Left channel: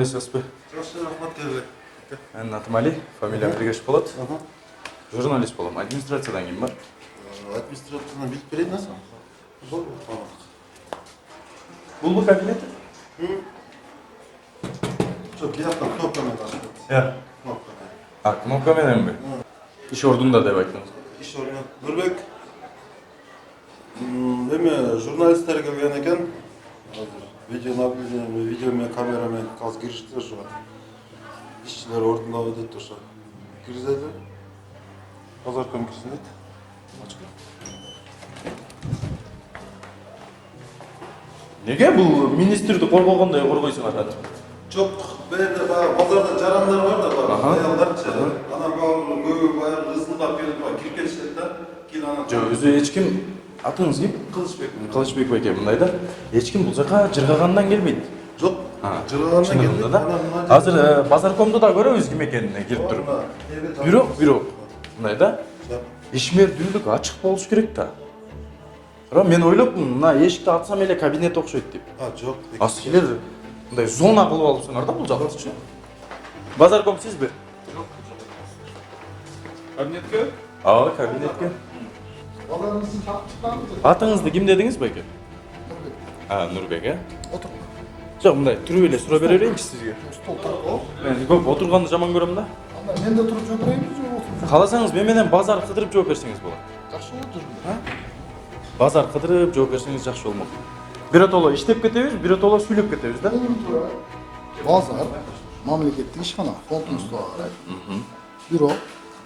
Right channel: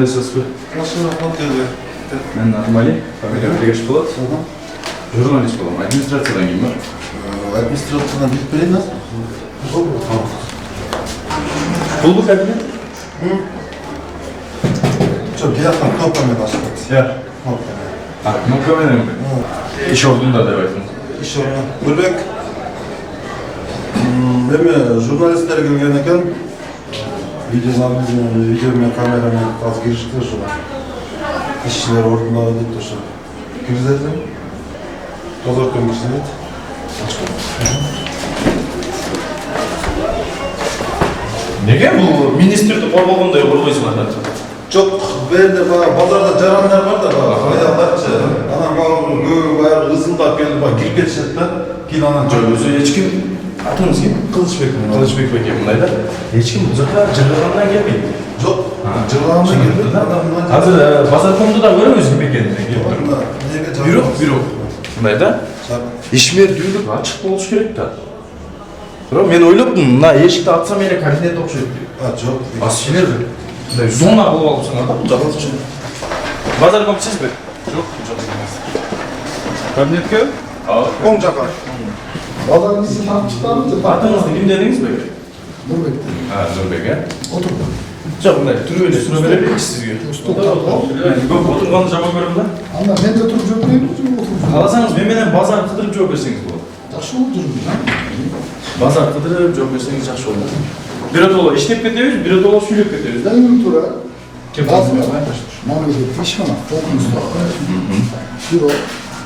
Кандайсыз бі? Жақсы рахмат еді. Мен атым Али, фамилия Тегеш болады. Журналист боламын. Администрациядан кейін ба? Администрациядан біліп береді. Бұл бұл кабинет? Жоқ, келатқан кнопкамен ашып кетті. Иә. Кнопкамен. Кнопкамен ем бе? Иш ордында деп айтыңыз. Иш орны. Нұрбек. Эми журналисттер келген екен. Видеомен, камерамен қазір кірішті ошо. Ишчилер ордуна деп ошо. Киргизет. Тозортон киргизет. Неге бұл министрді қорғалғандай қорғайсың атады? Жоқ, бәрінде базарда жарандар бар да, аялдарчы. Анан баары ызыңдап келіп кирип кетишет да. Кийин анан Өзі ешкім, атыңыз кім? Кылычбек. Кылычбек беке мындай да. Ешкім бұл жаққа жырғаннан келмейді. Жоқ, жырғаннан келді да. Қазір базаркомды да көреміз кім екенін келіп тұр. Бюрок. Мындай да. Ишмердүүлүк ачык болуш керек да. Бирок мен ойлоптум, мына эшикти ачсам эле кабинет окшойт деп. Жоқ. Асчилер мындай зона кылып алыпсыңар да бул жакты. Базарком сизби? Жок, жок эмес. Кабинетке? Оң жаққа. Балаңызды танып шықтыңыз ба? Атыңызды ким дедиңиз беке? Нұрбек. Нұрбек, э? Отырды. Жок, мындай түрүп эле сүрө бере берейинчи сизге. Көп отурганды жаман көрөм да. Анда мен де тұрып жүрмеймін, отырып. Кааласаңыз мен менен базар кыдырып жооп берсеңиз болот. Жақсы болып жүрмін. Базар кыдырып жооп берсеңиз жакшы болот. Биротоло иштеп кетебиз, биротоло сүйлөп кетебиз да. Дайым тура. Базар. Мамлекеттік ишхана, толқыныстар. Бюро,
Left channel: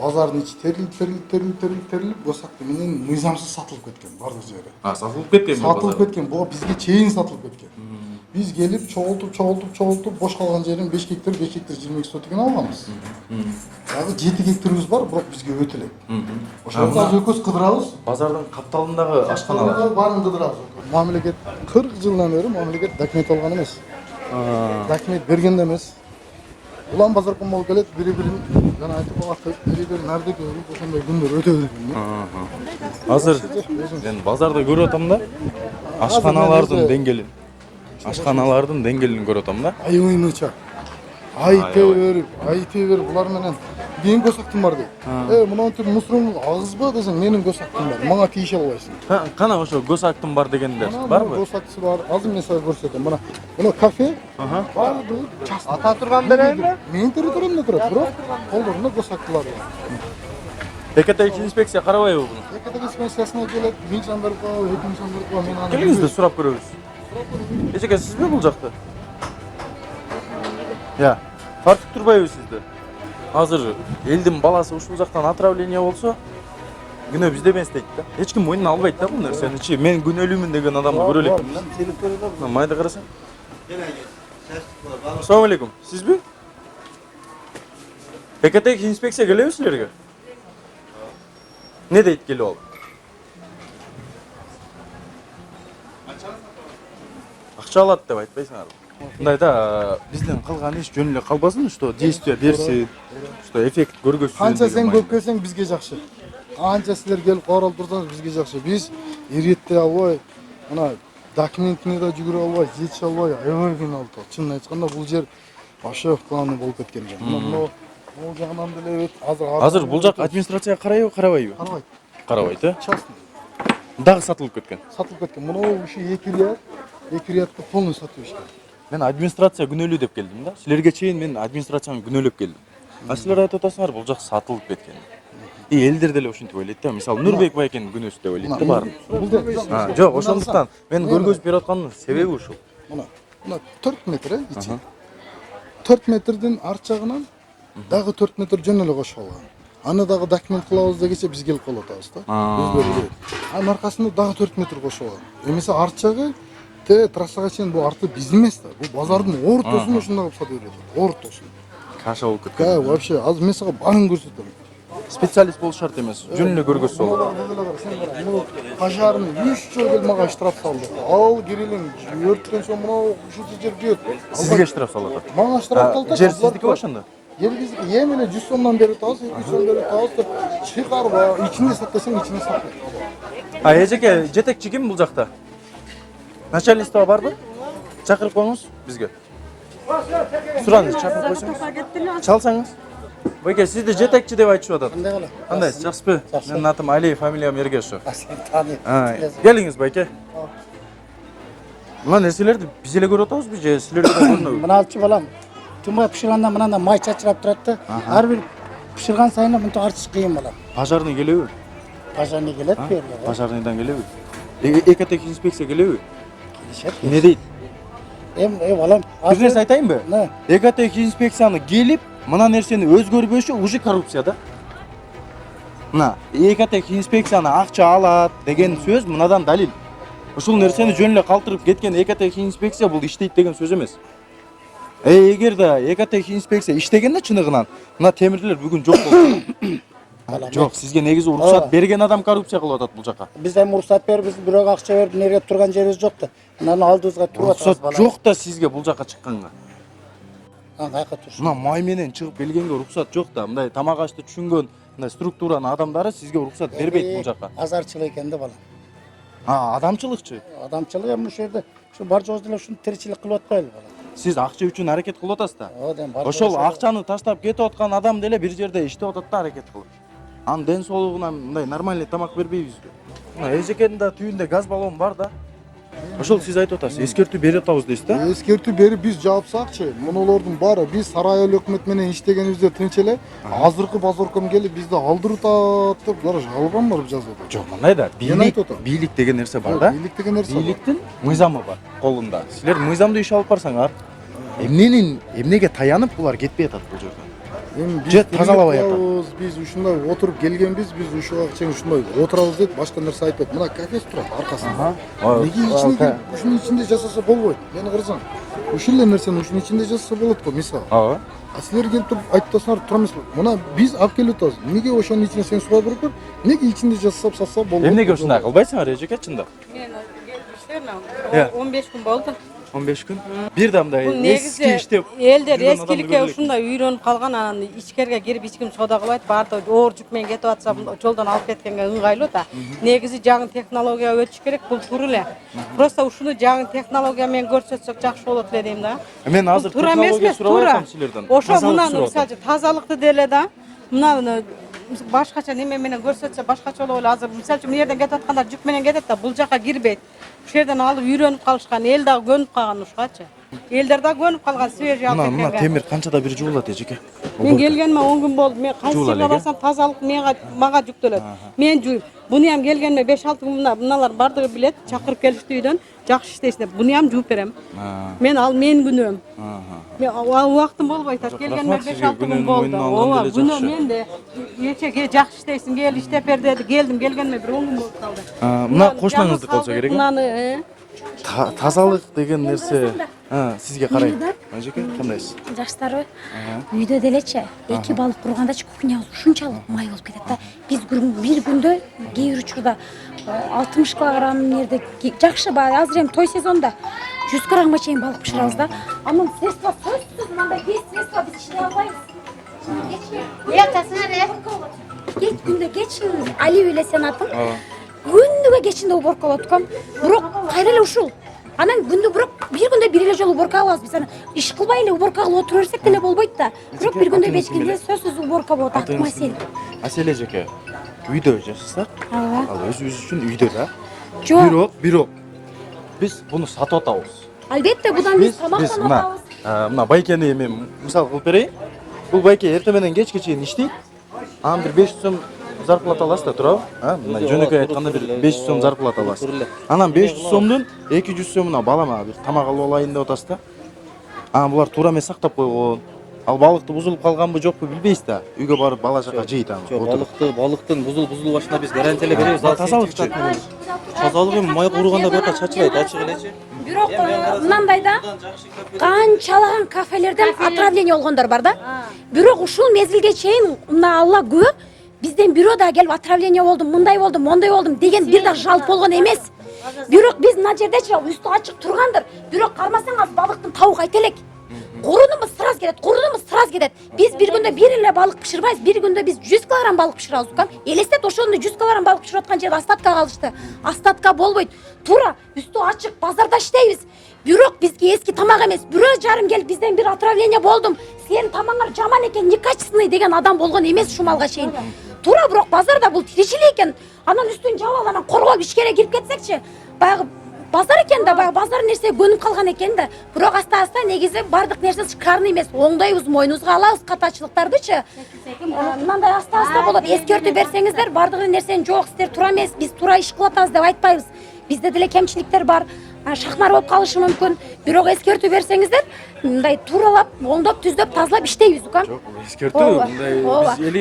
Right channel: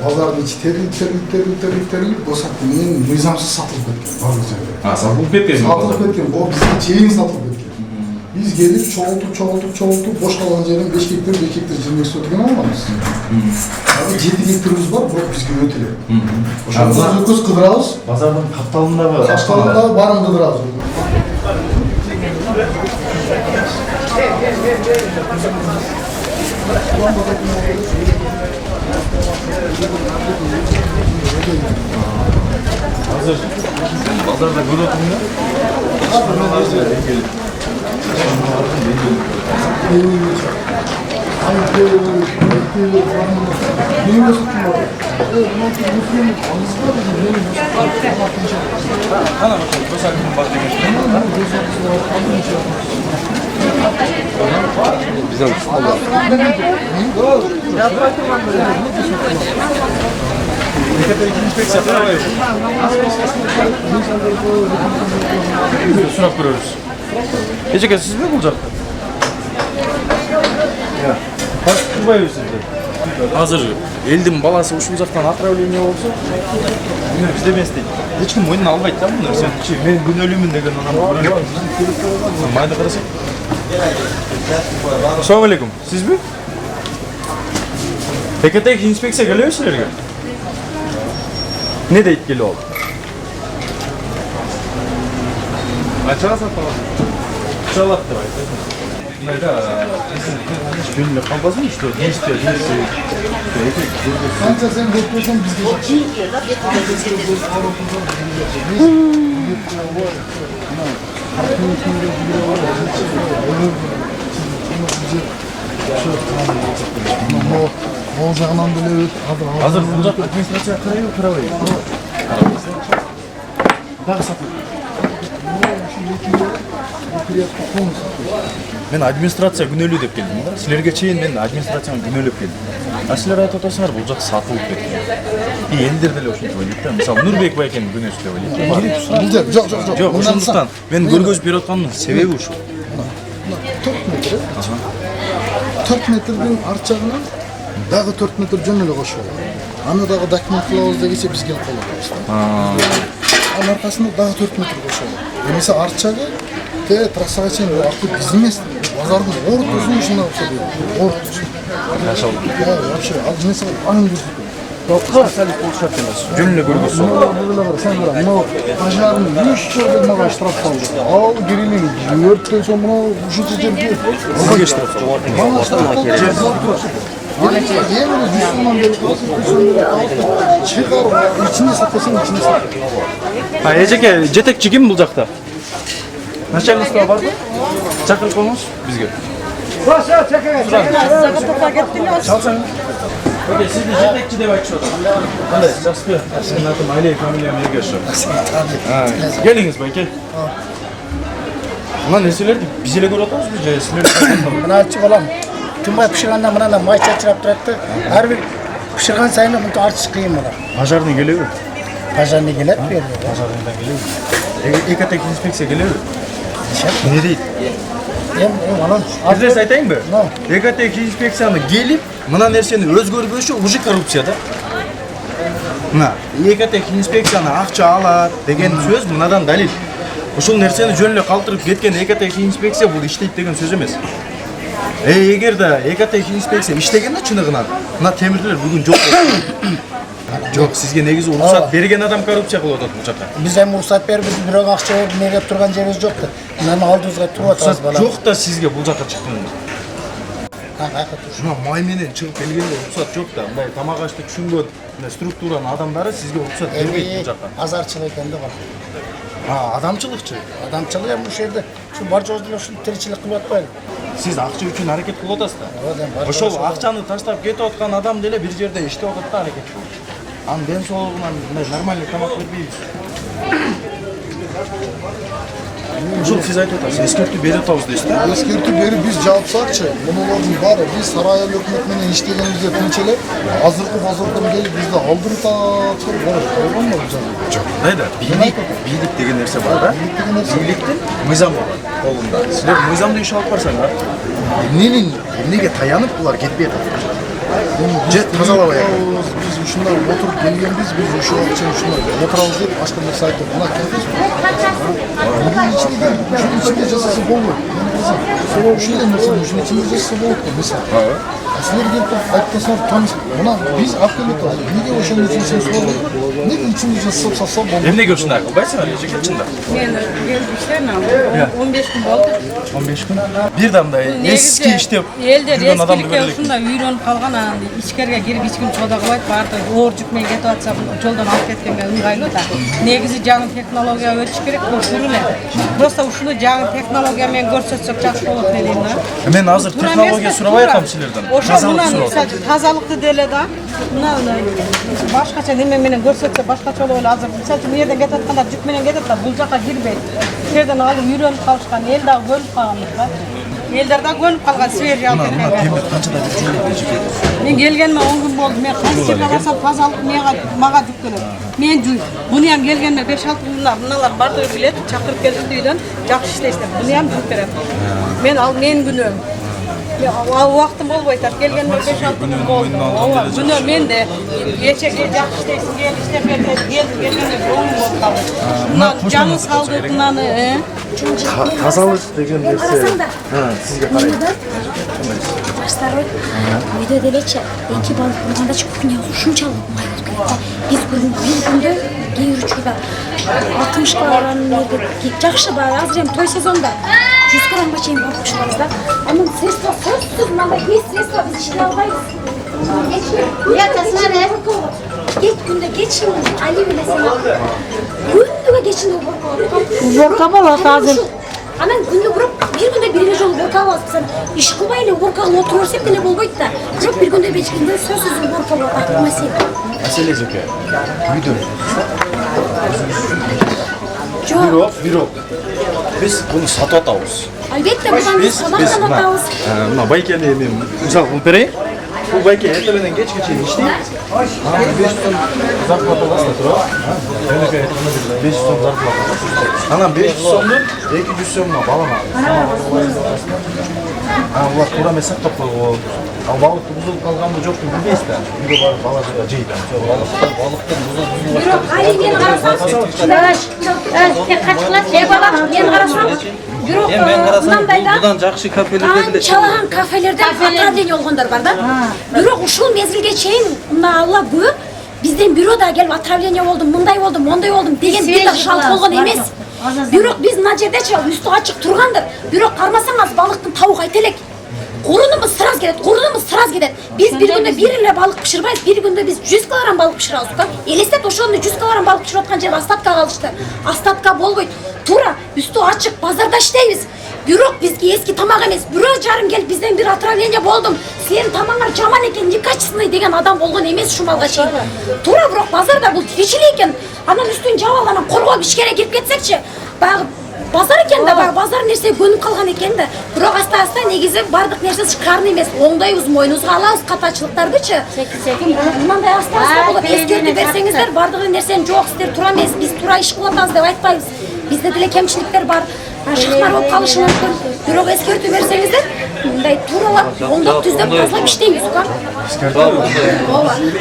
базардың içi терилип, босатты менен мыйзамсыз сатылып кеткен. Барлық жерде. Сатылып кеткен. Сатылып кеткен, ол бізге чейин сатылып кеткен. Biz gelip çoğaltıp boş kalan yerin 5 hektar 20 sotken almamız. Yani 7 hektarımız var, bu bizge öteli. Oşandan öküz kıdırağız. Bazarın kaptalındağı Kaptalındağı barın kıdırağız. Hazır. Bazarda görüyorsun da aşkhanalardan dengeli. Aşkhanalardan dengeli görüyorsun. Haydi, rahmanı. Neyi gösterdim abi? Evet, Mustafa alışma bizim neyi gösterdim? Valla bir şey var. Kana bakın, göz hakkım var degen şey var. Bizden Tekete ikinci inspeksiya karavayız. Biz de surak görüyoruz. Eceke siz mi bulacaktı? Ya, kaçıp durmayız sizde. Hazır, elдің баласы ушул жактан отравление болсо, yine bizde emesдейт. Эч ким мойнуна албайт да буну. Сен мен күнөөлүүмүн деген адамды көрөлүк. Майды карасак. Assalamu alaikum. Sizmi? ТКТ инспекция келеби силерге? Ne deyip geliyor oldu? Açığa satalım. Çalat da var. Bunlar da gönüllü kalmaz mı işte? Действия, действия. Erkek görgüsü. Kanka sen bekliyorsan biz de yapalım. Biz de göz var olduğunu biz birlikte var. Ne? Takım içinde bir var. Hiç var. Olur mu? Şimdi güzel şey tamam olacak. Ол жағынан біле өт. Hazır bulacak администрация қарайбы, қарабайбы? Қарабайбыз, дағы сатылып кетті. Мен администрация күнөөлүү деп келдим да. Силерге чейин мен администрацияны күнөөлөп келдим. А силер айтып атасыңар, бул жак сатылып кеткен. Элдер деле ошентип ойлойт да. Мисалы Нурбек байкенин күнөөсү деп ойлойт. Жоқ. Жок, ошондуктан мен көргөзүп берип аткандын себеби ушул. 4 метр. 4 метрден арт жағынан дағы 4 метр жөн эле кошуп алат. Аны дагы документ кылабыз дегенче биз келип калабыз. Анын аркасында дагы 4 метр кошуп алат. Эмесе арт жагы трассага чейин арты биз эмес. Базардын ортосу ушундай болсо дейт. Ортосу. Качалды. Вообще, ал эмесе арын көрсөтөт. Специалист болушат эмес. Жөн эле көргөзсө болот. Мына пожарын 3 жыл келмеген штраф алды. Ал кирилин өрттөн соң мына ушунча жерге Сизге штраф салат. мана штраф. Yemin Müslüman beri kalkıp çıkar içinde satıyorsun içinde satıyorsun. Ha, Eceke, jetekçi kim bul жакта? Начальниктер бар мı? Чакырып коңуз бизге. Çalsan. Öyle siz de jetekçi de bakış oda. Qanday, жақсы. Sizin atım Ayley, familiyam Ergaşov. Geliniz belki. Mına nerselerdi? Biz ele görüp oturmuşuz ya, sizler de. Mına açık olam. Tümay pişirganda mına da may çatırap turadi. Har bir pişirgan sayın bunu artış kıyım olar. Pajarni geliyor. Pazarına gelip veriyor. Pajarnidan geliyor. Ekatek inspeksiya geliyor. Ne deydi? Olam. Bizler айтайын mı? Ekatek inspeksiyаны gelip mına nerseni özgörgöçü уже korrupsiyada. Mına Ekatek inspeksiyаны акча алат деген сөз мынадан далил. Ушул нерсени жөн эле калтырып кеткен Ekatek инспекция бул иштейт деген сөз эмес. Эгер да Ekatek инспекция иштегенде чыныгынан мына темирлер бүгүн жок болду. Жок, сизге негизи уруксат берген адам коррупция кылып атат бул жакка. Biz hem ruhsat berip biz bирок акча берип неге турган жерибиz жокtu. Мынаны алдыбызга туруп атабыз Уруксат жок да сизге бул жакка чыктыңыз. Кайка тур. Мына май менен чыгып келгенде уруксат жок да. Мындай тамак ашты түшүнгөн структуранын адамдары сизге уруксат бербейт бул жакка. Азарчылык экен да бар. Адамчылыкчы. Адамчылык эми ушул жерде ушу бар жоозду ушул тиричилик кылып атпайбы? Сиз акча үчүн аракет кылып атасыз да. Ооба, Ошол акчаны таштап кетип аткан адам деле бир жерде иштеп атат да аракет кылып. Анын ден соолугунан мындай нормальный тамак бербейбиз. Өзүкетинде түйүндө газ баллон бар да. Ошол сиз айтып атасыз, эскертүү берип атабыз дейсиз да. Eskirtip berip biz жаапсакчы, мунулардын баары биз сарай эл өкмөт менен иштегенибизде тынч эле, азыркы базардан келип бизди алдырып атып, болгонмо бул жагы? Жок, мындайда бийлик деген нерсе бар да. Бийлик деген нерсе. Бийликтин мыйзам бар колунда. Силер мыйзамды иш алып барсаңар, эмнеге таянып булар кетпей атат? Же тазалабай атат. Biz ушундай отуруп келгенбиз, biz ушул акчаны ушундай отурабыз деп башка нерсе айтып, мына киргиз. Ушунун ичинде жасаса болбойт. Мени карасаң, ушундай нерсени ушунун ичинде жасаса болот го, мисалы. Силер келип айтпасаңар, томис, мына биз алып келип атабыз. Неге ошонун ичинде сен суалып, неге ичинде жасап салса болбойт? Эмнеге ушундай кылбайсыңар, эжекетчиндер? Мен иштейм, 15 күн болду. 15 күн. Бир дамдай эски иштеп элдер жүргөн адамды эскиликке көрөлүк. ушундай үйрөнүп калган, анан ичкерге кирип эч ким чода кылбайт, баарды оор жүк менен кетип атса, жолдон алып кеткенге ыңгайлуу да. Негизи жаңы технология өтүш керек, бул туруп эле. Просто ушуну жаңы технология менен көрсөтсөк жакшы болот дейм да. Мен азыр технология сурабай атам силерден. Ошо менен тазалыкты деле да. Мына башкача неме менен көрсөтсө башкача болот эле. Азыр мисалы үчүн жерден кетип аткандар жүк менен кетет да, бул жака кирбейт. Ушул жерден алып үйрөнүп калышкан, эл дагы көнүп калгандыкка. Элдер дагы көнүп калган свежий алып Мына кеткенге. темир канчада бир жуулат эжекет. Мен келгениме 10 күн болду. Мен кайсыга барсам тазалык мага жүктөлөт. Мен жуй. Буну ham келгениме 5-6 күн мыналар бардыгы билет, чакырып келишти үйдөн, жакшы иштейсиздер. Буну ham жууп берем. Мен ал менин күнөөм. Убактым болбойт, келгениме 5-6 күн болду. Ооба, күнөө менде. Кечеге жакшы иштейсиң, кел иштеп бер деп келдим, келгенде болуп калды. Мына коштоңуз болсо керек. Мынаны, Тазалык деген нерсе сизге карайт. Жаштар үйдө делечи эки балык бургандачы кухня ушунчалык май болуп кетти. Биз бир күндө кээ бир учурда 60 грамм жерде жакшы да азыр эми той сезонда 100 граммга чейин балык пышырабыз да. Анын средства сөзсүз мындай беш средства биз иши албайбыз. Күндө кечин али билесем күндөгө кечинде уборка болот. Уборка болот азыр. Анан күндө бир күндө бир эле жолу уборка алабыз. Сен иш кылбай эле уборка кылып отура берсек деле болбойт да. Бирок бир күндө бечкенде сөзсүз уборка маселе. Маселе эжеке. Үйдө Жок. Бирок. Биз буну сатып атабыз. Албетте будан биз сабактан атабыз. Мына байкени мен мисал кылып берейин. Бул байке эртелерден кечке чейин иштейт. Анан 500 сом зарплата аласың туурабы? Жөнөкөй айтканда 500 сом зарплата аласың. Анан 500 сомдун 200 сомуна балама тамак алып деп атасың да. Анан булар туура эмес сактап койгон. Ал балыкты бузулуп калганбы жокпу билбейсиз да. Үйгө барып бала чага жейт. Балыктын бузулуп Бирок мынандай да жакшы кафелерде анчалаган кафелерден отравление болгондор бар да. Бирок ушул мезгилге чейин мына Алла күбө бизден бирөө да келип отравление болду, мындай болду, мондай болдум деген бир да шалт болгон эмес. Бирок биз мына жердечи үстү ачык тургандыр. Бирок кармасаңыз балыктын табыгы айта элек. Курунумуз сыраз кетет. Биз бир күндө бир эле балык пышырбайбыз. Бир күндө биз 100 кг балык пышырабыз да. Элестет ошону 100 кг балык пышырып аткан жерде остатка калышты. Остатка болбойт. Туура үстү ачык базарда иштейбиз. Бирок бизге эски тамак эмес. Бирөө жарым келип бизден бир отравление болдум. Силердин тамагыңар жаман экен, некачественный деген адам болгон эмес ушумалга чейин. Туура бирок базарда бул тигичилик экен. Анан үстүн жаап алганан коргоп ишкере кирип кетсекчи, баягы базар экен да, баягы базар нерсе көнүп калган экен да. Бирок аста негизи бардык нерсе шыкарын эмес. Оңдойбуз, мойнубузга алабыз катачылыктардычы. Мындай аста болуп эскертүү берсеңиздер, бардык нерсени жок, сиздер туура эмес, биз туура иш кылып атабыз деп айтпайбыз. Бизде деле кемчиликтер бар. Шахмар болуп калышы мүмкүн. Бирок эскертүү берсеңиздер, мындай тууралап, оңдоп, түздөп, тазалап иштейбиз го. Ооба.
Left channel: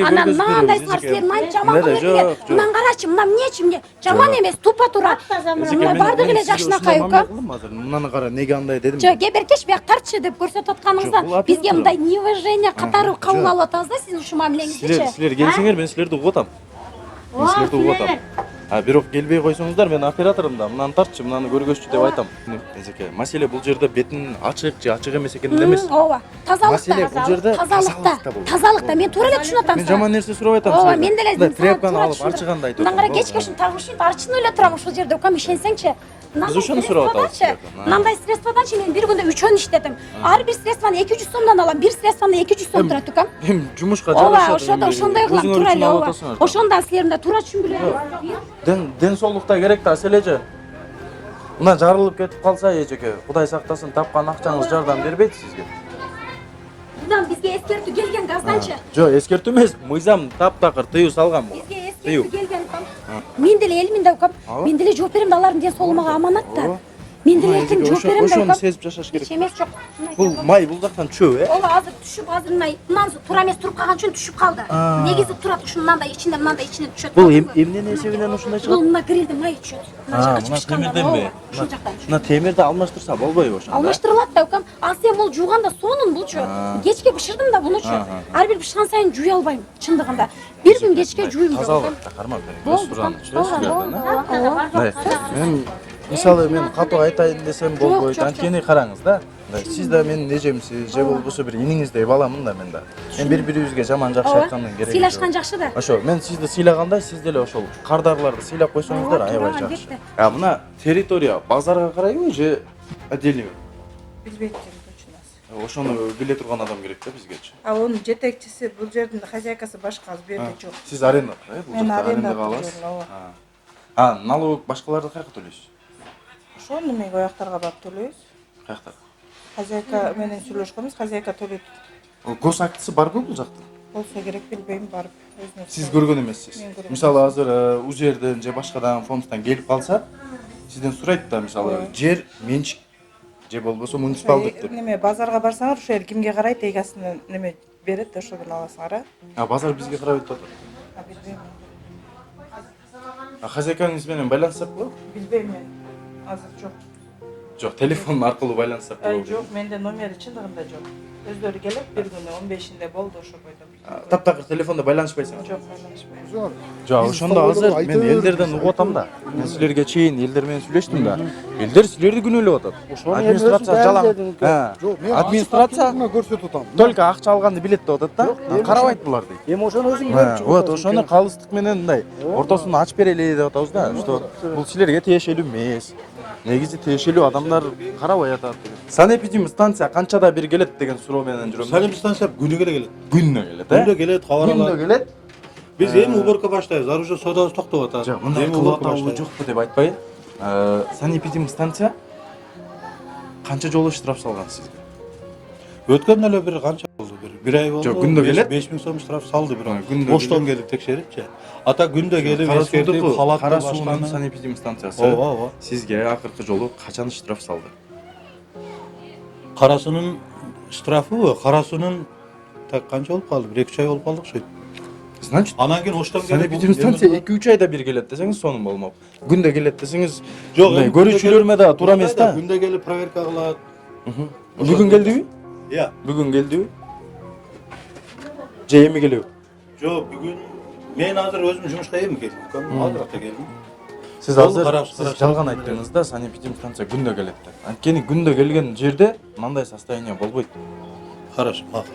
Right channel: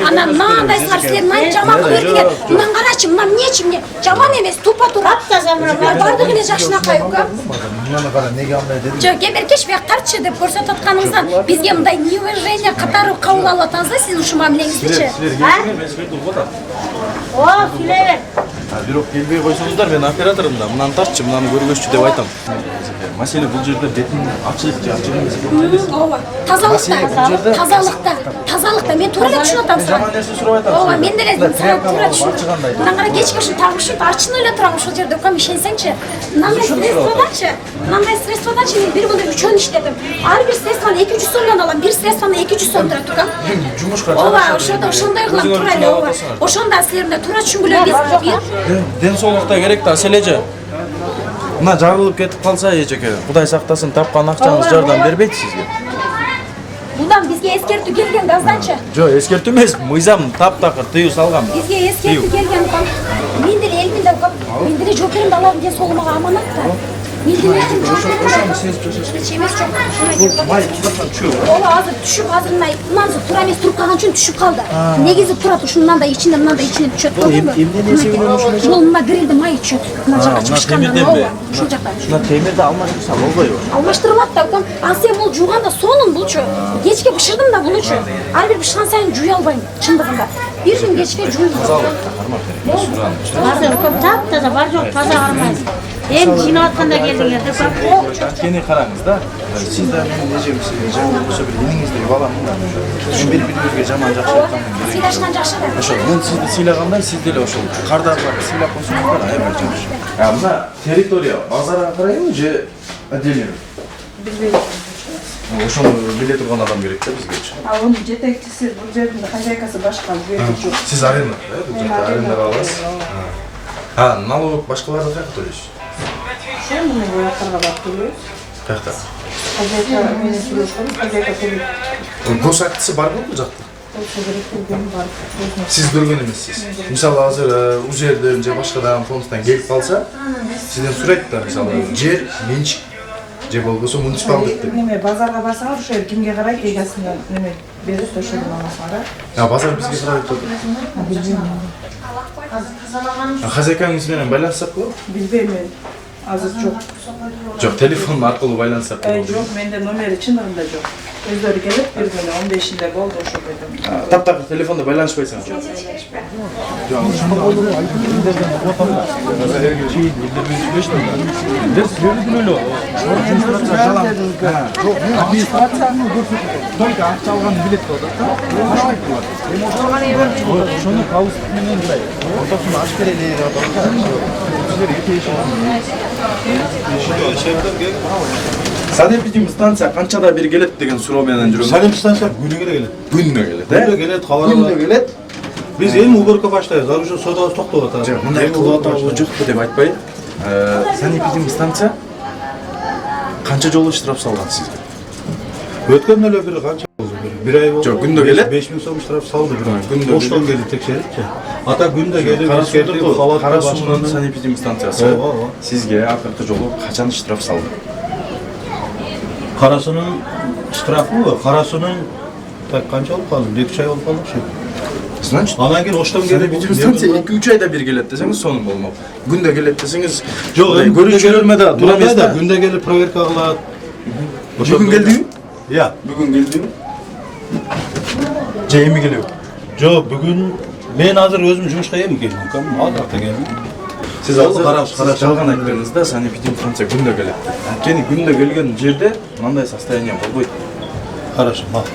Анан мындай силер мындай жаман көрдүңөр. Мындан карачы, мына эмнечи мне жаман эмес, тупа тура. Бардыгы эле жакшынакай го. Мынаны кара, неге андай дедим? Жок, кеберкеш бияктарчы деп көрсөтүп атканыңыздан бизге мындай неуважение катары кабыл алып атабыз да сиздин ушул мамилеңиздичи. Силер келсеңер мен силерди угуп атам. Бирок келбей койсоңуздар мен оператормун, мынаны тартчы, мынаны көргөзчү деп айтам. Маселе бул жерде бетин ачык же ачык эмес экенин эмес. Ооба, тазалыкта мен туура деп түшүнүп атам. Мен жаман нерсе сурап атам. Ооба, мен деле туура ачыгандай. түшүнүп. Мындан кара кечке ушул тагышып ачын эле турам ушул жерде, ком ишенсеңчи. Мындай средстводачы мен бир мында 3 өн иштедим. Ар бир средствону 200 сомдон алам, бир средствону 200 сом турат турам. Жумушка Ооба, ошондой кылам туура эле, ооба. Ошондо силер мындай туура түшүнгүлө бир. Ден соолукта керек да, асележе. Мына жарылып кетип калса эжеке, Кудай сактасын, тапкан акчаңыз жардам бербейт сизге. Мындан бизге эскертүү келген газданчы. Жок, эскертүү эмес, мыйзам таптакыр тыюу салган. Бизге эскертүү келген кам. Мен деле элимде кам. Мен деле жооп берем да, алардын ден соолугуна аманат да. Мен деле жооп берем. Ошону сезип жашаш керек. Эмес жок. Бул май кылдаткан чөө. Ооба, азыр түшүп, азыр мындан туура эмес туруп калган үчүн түшүп калды. Негизи турат ушундан да ичинде, мындан да ичинде түшөт. Бул эмне эсебинен ушундай? Бул мына грилди май түшөт. Мына жакка темирденби? Ушул жакка. Мына темирди алмаштырса болбойбу? Алмаштырылат да, кам. А сен бул жууганда сонун булчу. Кечке бышырдым да булчу. Ар бир бышырган сайын жууя албайм, чындыгында. Бир күн кечке жууйм. Азыр көп таптаза бар жок, таза кармайсыз. Эми жинап атканда келдиңер деп. Анткени караңыз да. Сиз да менин эжемсиз, же болбосо бир иниңиздей баламын да. Мен бири-бирибизге жаман жакшы айткандан керек. Сыйлашкан жакшы да. Ошо, мен сизди сыйлагандай, сиз деле ошол кардагыларды сыйлап койсоңуздар аябай жакшы. Мына территория базарга карайбы же отдельно? Билбейм. Ошону биле турган адам керек да бизгечи. Анын жетекчиси, бул жердин хозяйкасы башка, бул жок. Сиз аренда, бул жерде арендага аласыз. Налог башкаларды каяка төлөйсүз? Сен муну вояктарга барып төлөйсүз. Каякта? Хозяйка менен сүйлөшкөн, хозяйка төлөйт. Гос актысы барбы бул жакта? Болсо керек келген барып. Сиз көргөн эмессиз. Мисалы азыр бул жерден же башка дагы фондтан келип калса, сизден сурайт да, мисалы жер менчик же болбосо муниципалдык деп. Неме базарга барсаңар, ошо жер кимге карайт, эгасына неме берип ошону аласыңар. Базар бизге карайт атат. Хозяйкаңыз менен байланышсак болобу? Билбейм мен. Азыр жок. Жок, телефон аркылуу байланышсак болобу? Жок, менде номери чындыгында жок. Өздөрү келип, бир күнү 15-inde болду ошо жерде. Таптакыр телефонда байланышпайсыңар? Жок, ошондо азыр мен элдерден угуп атам да. Силерге чейин элдер менен сүйлөштүм да. Элдер силерди күнөөлөп атат. Администрация жалаң. Администрацияны көрсөтүп Только акча алганды билет деп атат да. Карабайт булар. Эми ошону вот ошону калыстык менен мындай ортосун ачып берели деп атат да. Бул силерге тиешелүү. Санэпидемстанция канчада бир келет деген суроо менен жүрөм. Санэпидстанция күнүгө келет. Күнүнө келет. Күнүгө келет, Күнүнө келет. Биз эми уборка баштайбыз. Ар уже содабыз токтоп атат. Мындай кылып атабы жокпу деп айтпайм. Санэпидемстанция канча жолу штраф салган сизге? Өткөн эле бир канча болду? Бир ай болду. Жок, күндө келет. 5000 сом штраф салды бир. Күндө Оштон келип текшерипчи. Ата күндө келип эскертип халат кара суунун санэпидемстанциясы Ооба. сизге акыркы жолу качан штраф салды? Карасынын штрафы, карасынын так канча болуп калды? 2 ай болуп калды. Значит, Анан кийин Оштон келип санэпидемстанция 2-3 айда бир келет десеңиз сонун болмок. Күндө келет десеңиз Жок, көрүүчүлөрмө да туура эмес да. Күндө келип проверка кылат. Бүгүн келдиби? Иә. Бүгүн келдиби? Же эми келеби? Жок, бүгүн мен азыр өзүм жумушка эми келдим. Албатта келдим. Сиз азыр жалган айттыңыз да, санэпидемстанция күндө келет. Анткени күндө келген жерде мындай состояние болбойт. Хорошо, мак.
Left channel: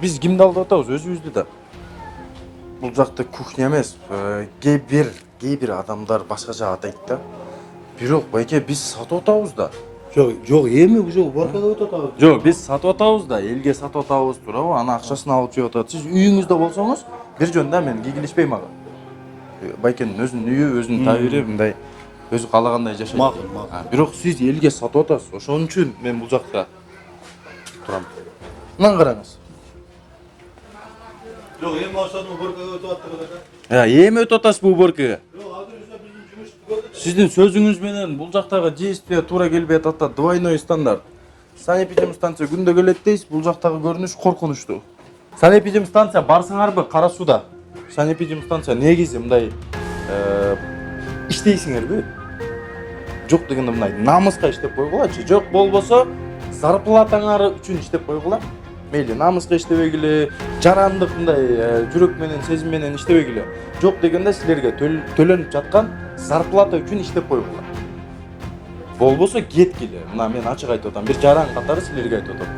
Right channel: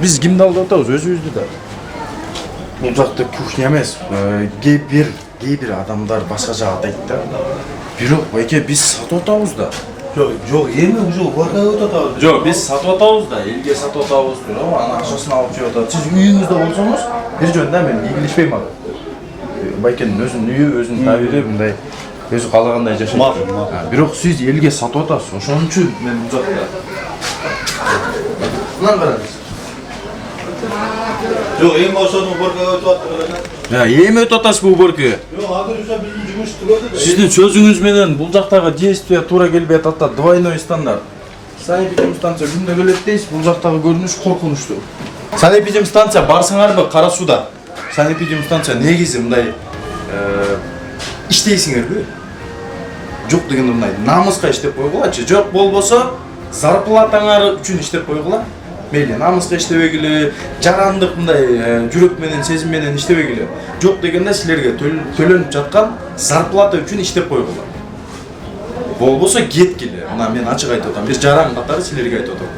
Биз кимди алдап атабыз? Өзүбүздү да. Бул жакта кухня эмес, кээ бир адамдар башка жак атайт да. Бирок байке биз сатып атабыз да. Жоқ, эми уже убакыт өтүп атабыз. Жок, биз сатып атабыз да, элге сатып атабыз, туурабы? Анын акчасын алып жеп атат. Сиз үйүңүздө болсоңуз, бир жөнүндө мен ийгилишпейм ага. Байкенин өзүнүн үйү, өзүнүн табири мындай өзү каалагандай жашайт. Бирок сиз элге сатып атасыз. Ошон үчүн мен бул жакта. Мына караңыз. Жоқ, эми ошонун убакыт өтүп атат. Эми өтүп атасыз бул уборка. Жоқ, азыр уша биздин жумуш түгөдү. Сиздин сөзүңүз менен бул жактагы действие туура келбей атат да, двойной стандарт. Санэпидем станция күндө келет дейсиз, бул жактагы көрүнүш коркунучтуу. Санэпидем станция барсаңарбы Кара сууда? Санэпидем станция негизи мындай иштейсиңерби? Жок дегенде мындай намыска иштеп койгулачы. Жок болбосо зарплатаңар үчүн иштеп койгула. Мейли намыска иштебегиле, жарандык мындай жүрөк менен, сезим менен иштебегиле. Жок дегенде силерге төлөнүп жаткан зарплата үчүн иштеп койгула. Болбосо кеткиле. Мына мен ачык айтып атам. Бир жаран катары силерге айтып атам.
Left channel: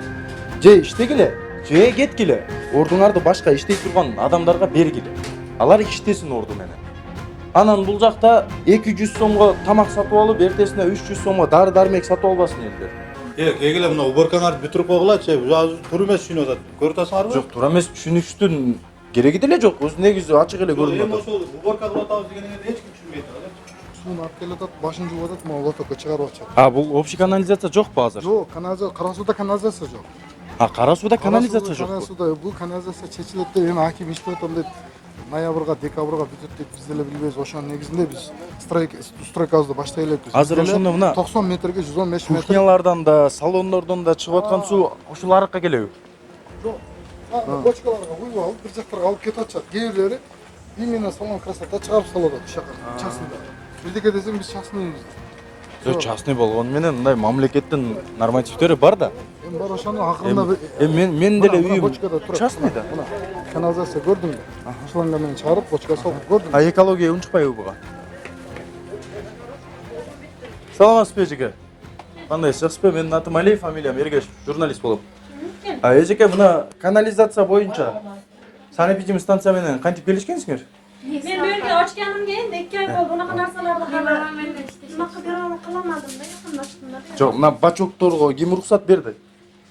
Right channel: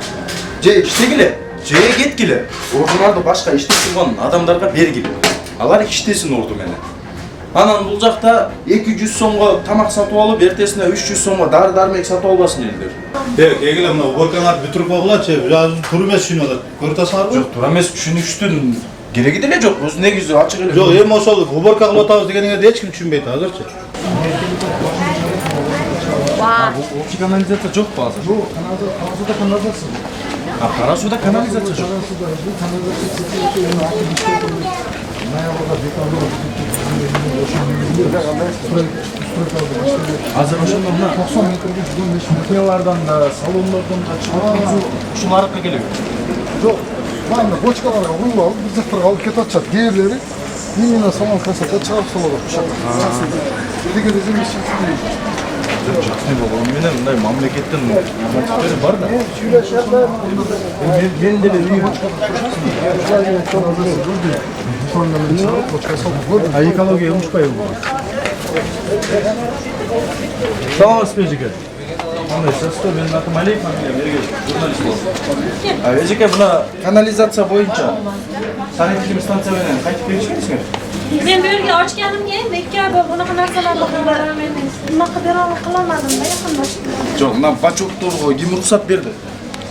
Же иштегиле, же кеткиле. Ордуңарды башка иштеп турган адамдарга бергиле. Алар иштесин орду менен. Анан бул жакта 200 сомго тамак сатып алып, эртесине 300 сомго дары-дармек сатып албасын элдер. Эгиле мына убакаларды бүтүрүп койгулачы. Азыр тур эмес түшүнүп атат. Көрүп атасыңарбы? Жок, туура эмес түшүнүштүн кереги деле жок. Өзү негизи ачык эле. Жоқ, эми ошол уборка кылып атабыз дегениңерди эч ким түшүнбөйт азырчы. Бул общий канализация жокпу азыр? Жок, Карасуда канализация. Кара сууда канализация жок. Карасуда канализация чечилип, акы иштеп ноябрда, декабрда стройкалды баштайбыз. Азыр ошондо мына 90 метрге 115 метр. кухнялардан да, салондордон да чыгып аткан суу ушуну аракка келеби? Жок, мына бочкаларга куюп алып, бир жактарга алып кетип атышат. Кээ бирлери именно салон красота чыгарып салып атышат. Деге да земле чыксын дейт. Жок, частный болгону менен мындай мамлекеттин нормативдери бар да. Мен деле үйүм. Канализация көрдүм. Ошондо мен чыгарып, бочка салып көрдүм. Экология умушпайбы буга? Саламатсызбы эжеке? Кандай састы, менин атым Алиев, фамилия Бергеш, журналист болуп. Эжеке, мына канализация боюнча санэпидем станция менен кантип келишкенсиңер? Men bu yerga ochganim keyin ikki bunaqa narsalarni bunaqa bera qilolmadim da yaqinlashib. Жок, мына бачокторго ким уруксат берди?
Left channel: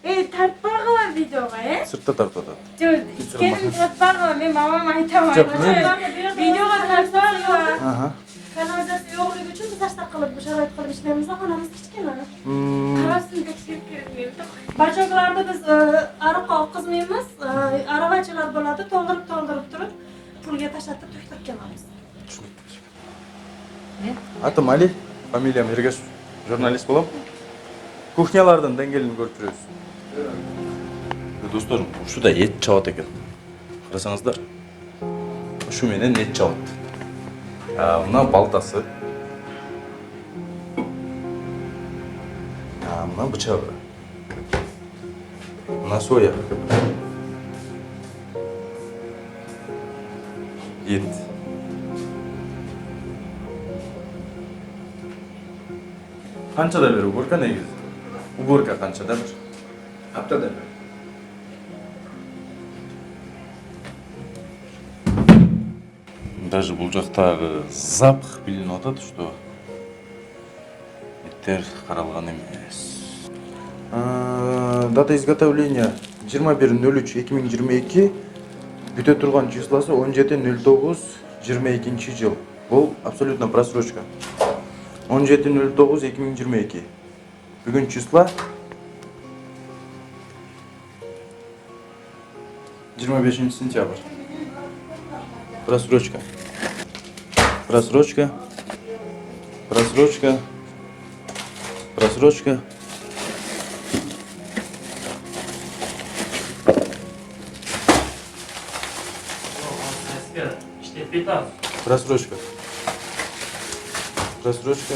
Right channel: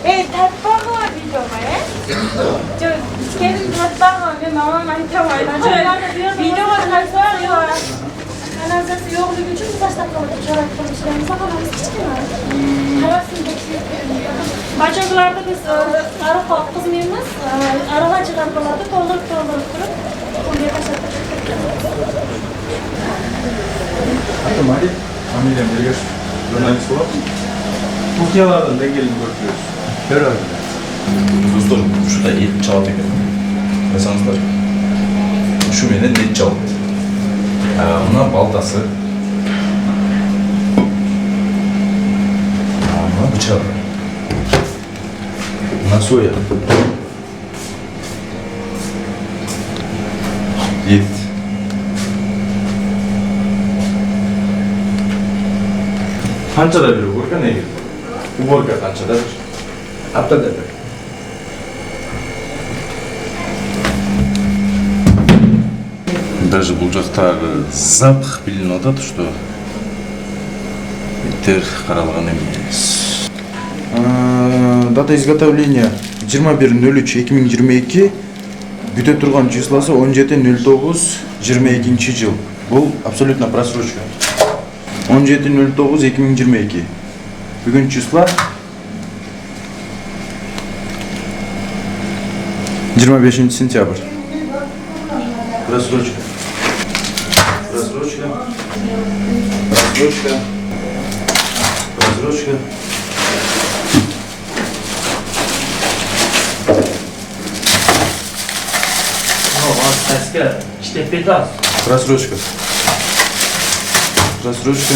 Tartbog'i videoga, Jo'q, ichkarim tartbog'i, men mamam aytaman. Videoga tartbog' yo'q. Kanalizatsiya yo'qligi uchun tashlab qo'ydik, sharoit qilishlarimiz xonamiz kichkina. Qarasizlar. Bachoklarda biz ariq oqizmaymiz, aravachilar qiladi, to'ldirib turib, qo'lga tashlab Атым Алиев, фамилиям Бергеш, журналист болуп. Кухнялардан деңгээлин көрүп жүрөбүз. Достор, ушуда эт чабат экен. Байсаңыздар. Ушу менен эт чабат. Мына балтасы. Мына бычак. Мына соя. Ет. Канчада бир уборка негизи? Уборка канчада бир? Аптада бир. Даже бул жактагы запах билинип атат, что иттер каралган эмес. Дата изготовления 21.03.2022, бүтө турган числосы 17.09.22 жыл. Бул абсолютно просрочка. 17.09.2022. Бүгүн числа 25 сентябрь. Просрочка. Просрочка. Просрочка. Просрочка. Просрочка. Просрочка.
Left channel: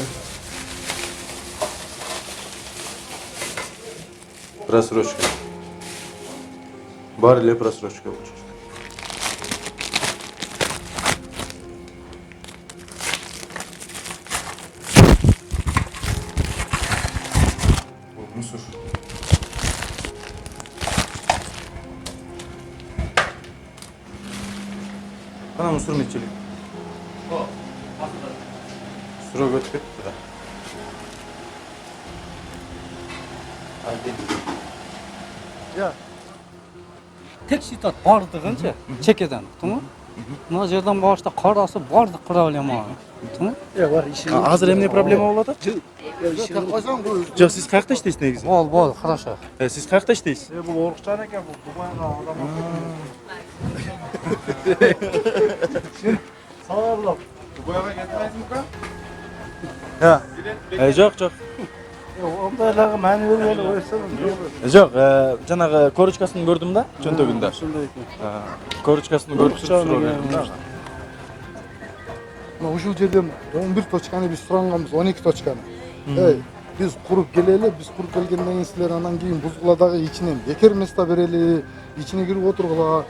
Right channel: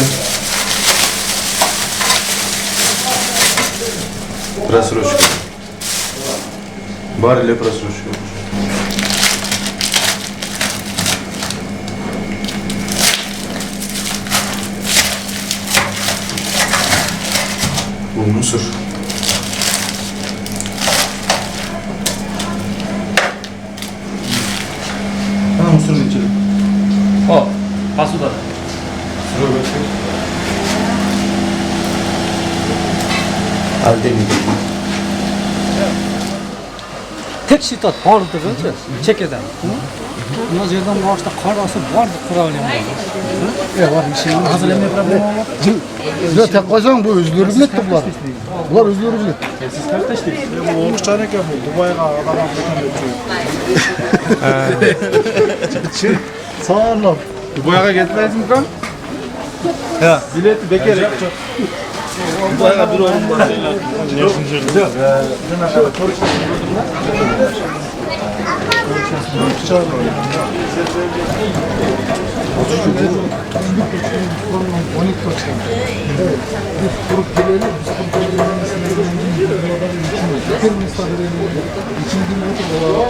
Просрочка. Бар или просрочка? Бұл мусор. Ана мусорный телек. О, посуда. Строго. tek şiddet bardığıcı çekeden. Mına жерден башта карасы бардык проблема бар. Var bir şey. Hazır emne problem olmadı. Ya tek koysan bu özgürlük Siz ne kardeş var? değilsiniz. Var özgürlük. Siz kardeş değilsiniz. Bu oruççan ekan bu. Dubai'ga adam götürüyor. Sağ olun. Dubai'ga gitmeyiz kan? Ha. Bileti bekar. Yok yok. Dubai'ga bir oğlum var. Yok. Sen konuşmasını gördün mü? Konuşmasını gördüm. Evet. Biz kurup gelelim. Biz kurup gelelim. Biz buradaki içimiz. Yeter mi sabireyle? İçini gibi oturuyor.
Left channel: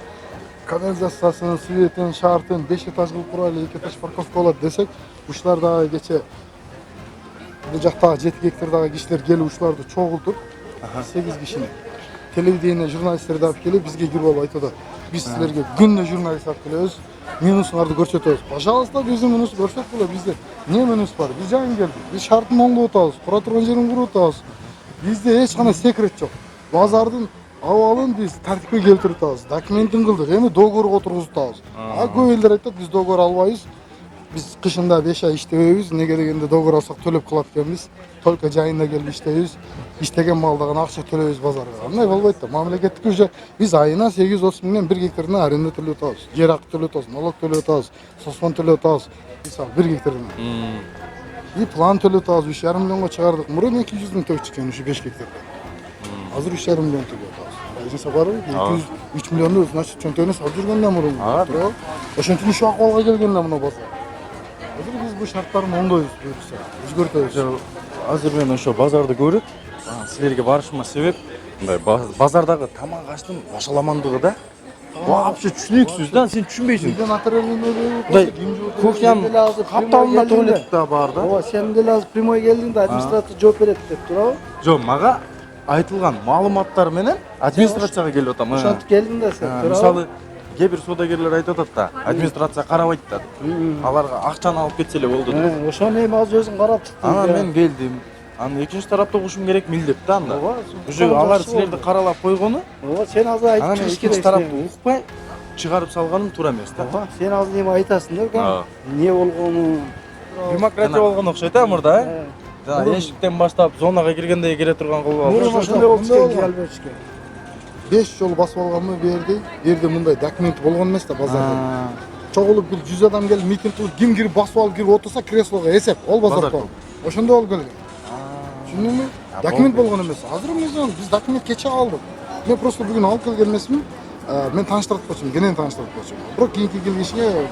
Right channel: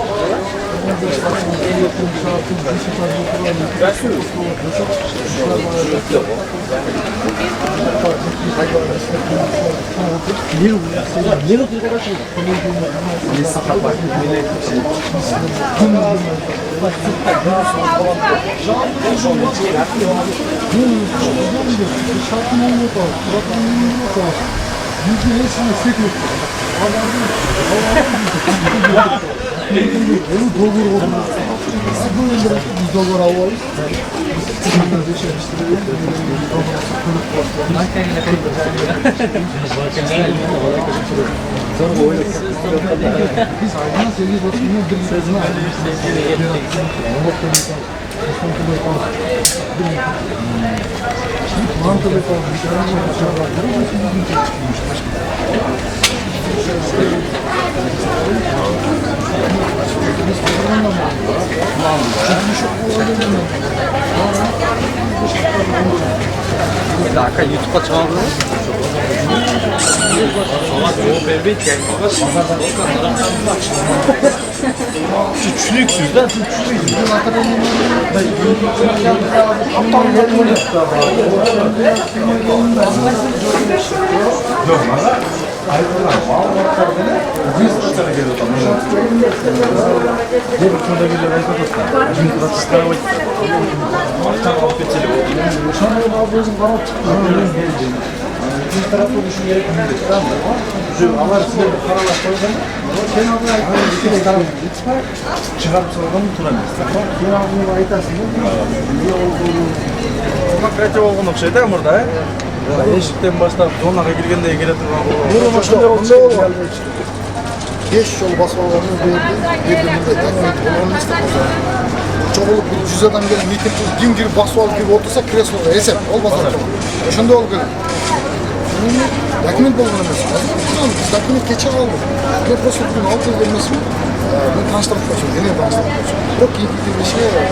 Arkadaşlarımız devletin şartını, beşin tane oturuyor. Çok kolay desek. Şurada yapıyor. Uzakta ciddi hayvan işte görmüşler. Çoğu bir yıl uğraşıyor. Belediyenin üniversiteler. Biz sizden bu tüm üniversiteler. Yunus var. Şartlı uzun bir şartın on volt al. Murat 10 volt al. Bizde en sana sekret var. Bazarın havanın bunu dolgur olduğumuz falan. Az böyle biz dolgur almayız. Bunlar yaşayan işte öyle bir dolgur atıp kılıp başlıyoruz. Kılıp cahilmeden işte İstediğim mallara biz ayına 8 dolarından bir litresini ayrılmış. Merak kılıp alıyoruz. Mehmet kılıp alıyoruz. Osman kılıp alıyoruz. Bir litre. Var kılıp alıyoruz. Dışarıdan çıkardan. Bunu bu için bizim tek çıkmış. Başka. Şu an YouTube'da çağırdı. Şu pazarda görüp. Pazarda şu çürüksüz lan sen çürüksüz. Yok bana ayrılan malumatlar bile administrasyona geliyor tam. Mesela gelip şurada geliyor Aykut'tan. Administrasyon karamaydı. Akşam alıp geçeli oldu. Yaşamayın abi bizim karap çıktı. Ben geldim. İkinci tarafta bu şu gerek bildi. Tamam mı? Şöyle avar size bir karalar koyalım mı? Ama sen abi İkinci tarafı gitme. Çıkarıp salganı turamaz. sen abi aytasın ya. Niye olduğunu Demokratiya olgan okşaydı ya burada. Eşikten başlap zonaga girgende gele turgan Bunu şunday oldu. 5 yol basmalarını verdi. Verdi burada dokument olgan neyse bozar. Çoğulup bir 100 adam gelip miting kim girip basıp alıp gibi otursa kresoga hesap ol bazar. Şunda ol gülüm. Dokument olgan emas. Biz dokument geçen aldık. Ne prosedürünü alıp vermesi mi? Ben tanıştırıp kaçıyorum. Yine tanıştırıp kaçıyorum. Çok iyi bir işe yarıyor.